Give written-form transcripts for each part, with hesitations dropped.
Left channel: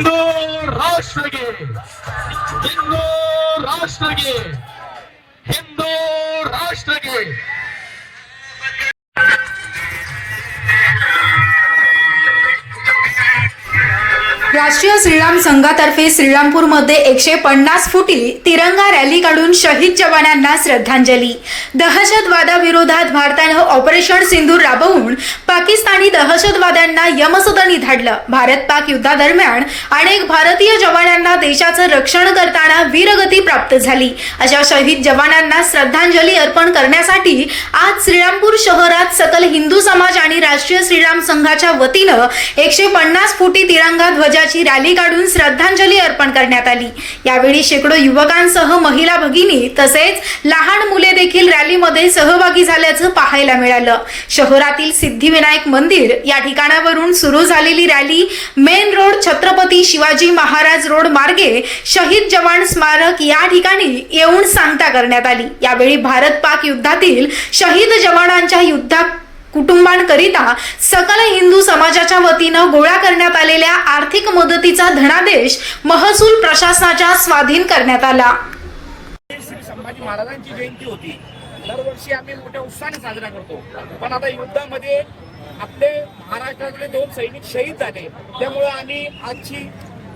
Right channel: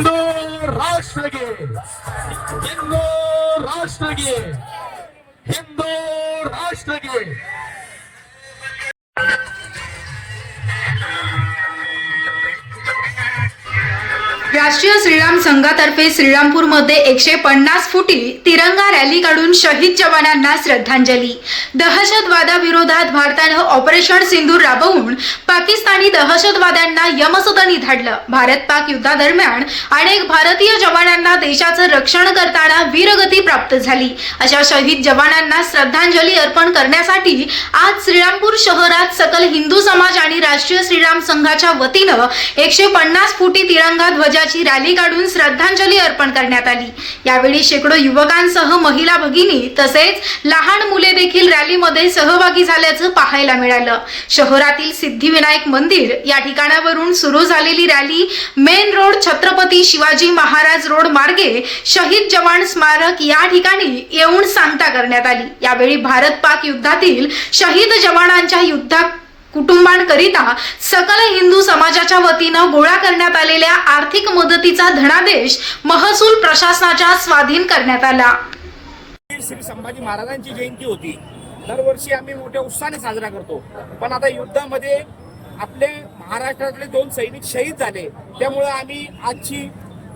हिंदू राष्ट्र के, हिंदू राष्ट्र के, हिंदू राष्ट्र के। राष्ट्रीय श्रीराम संघातर्फे श्रीरामपूरमध्ये 150 फुटी तिरंगा रॅली काढून शहीद जवानांना श्रद्धांजली। दहशतवादाविरोधात भारतानं ऑपरेशन सिंधूर राबवून पाकिस्तानी दहशतवाद्यांना यमसदनी धाडलं। भारत पाक युद्धादरम्यान अनेक भारतीय जवानांना देशाचं रक्षण करताना वीरगती प्राप्त झाली। अशा शहीद जवानांना श्रद्धांजली अर्पण करण्यासाठी आज श्रीरामपूर शहरात सकल हिंदू समाज आणि राष्ट्रीय श्रीराम संघाच्या वतीनं 150 फुटी तिरंगा ध्वजाची रॅली काढून श्रद्धांजली अर्पण करण्यात आली। यावेळी शेकडो युवकांसह महिला भगिनी तसेच लहान मुले देखील रॅलीमध्ये सहभागी झाल्याचं पाहायला मिळालं। शहरातील सिद्धिविनायक मंदिर या ठिकाणावरून सुरू झालेली rally main road Chhatrapati Shivaji Maharaj road मार्गे शहीद जवान स्मारक या ठिकाणी येऊन सांगता करण्यात आली। यावेळी भारत पाक युद्धातील शहीद जवानांच्या युद्धात कुटुंबांकरिता सकल हिंदू समाजाच्या वतीनं गोळा करण्यात आलेल्या आर्थिक मदतीचा धनादेश महसूल प्रशासनाच्या स्वाधीन करण्यात आला। श्री संभाजी महाराजांची जयंती होती, दरवर्षी आम्ही मोठ्या उत्साहाने साजरा करतो, पण आता युद्धामध्ये आपले महाराष्ट्रातले 2 सैनिक शहीद झाले, त्यामुळे आम्ही आजची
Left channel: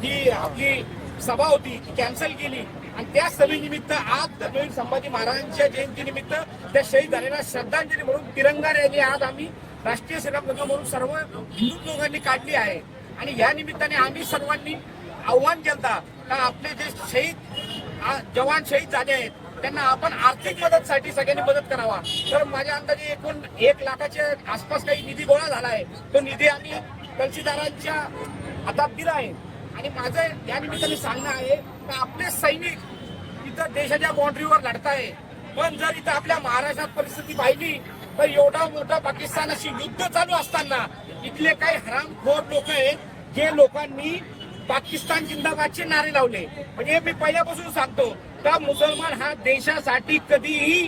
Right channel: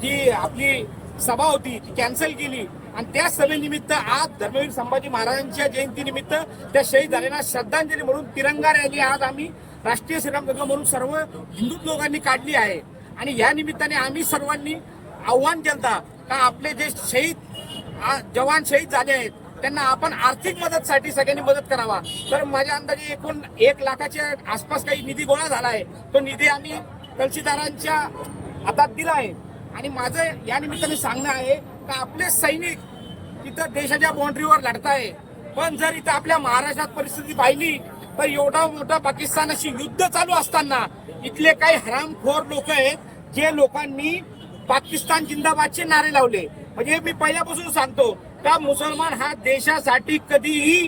जी आपली सभा होती ती कॅन्सल केली आणि त्या सभेनिमित्त आज धर्मवीर संभाजी महाराजांच्या जयंतीनिमित्त त्या शहीद झालेल्या श्रद्धांजली म्हणून तिरंगा रॅली आज आम्ही राष्ट्रीय श्रीराम संघ म्हणून सर्व हिंदू लोकांनी काढली आहे। आणि या निमित्ताने आम्ही सर्वांनी आव्हान केलं का आपले जे शहीद जवान शहीद झाले आहेत त्यांना आपण आर्थिक मदतसाठी सगळ्यांनी मदत करावा। तर माझ्या अंदाजे एकूण 1 लाखाच्या आसपास काही निधी गोळा झाला आहे, तो निधी आम्ही तहसीलदारांच्या हातात दिला आहे। आणि माझं या निमित्ताने सांगणं आहे की आपले सैनिक इथं देशाच्या बाउंड्रीवर लढताय, पण जर इथं आपल्या महाराष्ट्रात परिस्थिती पाहिली तर एवढा मोठा पाकिस्तानाशी युद्ध चालू असताना इथले काही हरामखोर लोक आहेत जे लोकांनी पाकिस्तान जिंदाबादचे नारे लावले। म्हणजे मी पहिल्यापासून सांगतो का मुसलमान हा देशासाठी कधीही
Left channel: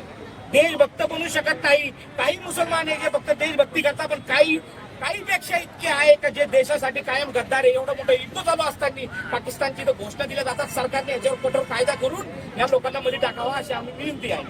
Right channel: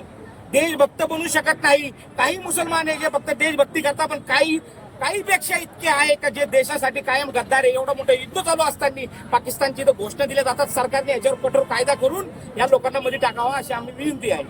देशभक्त बनू शकत नाही। काही मुसलमान आहे जे फक्त देशभक्ती करतात, पण काही पेक्षा इतके आहे का जे देशासाठी कायम गद्दार आहे। एवढं मोठं युद्ध चालू असताना पाकिस्तानची घोषणा दिल्या जातात, सरकारने याच्यावर कठोर कायदा करून या लोकांना मध्ये टाकावा अशी आम्ही विनंती आहे।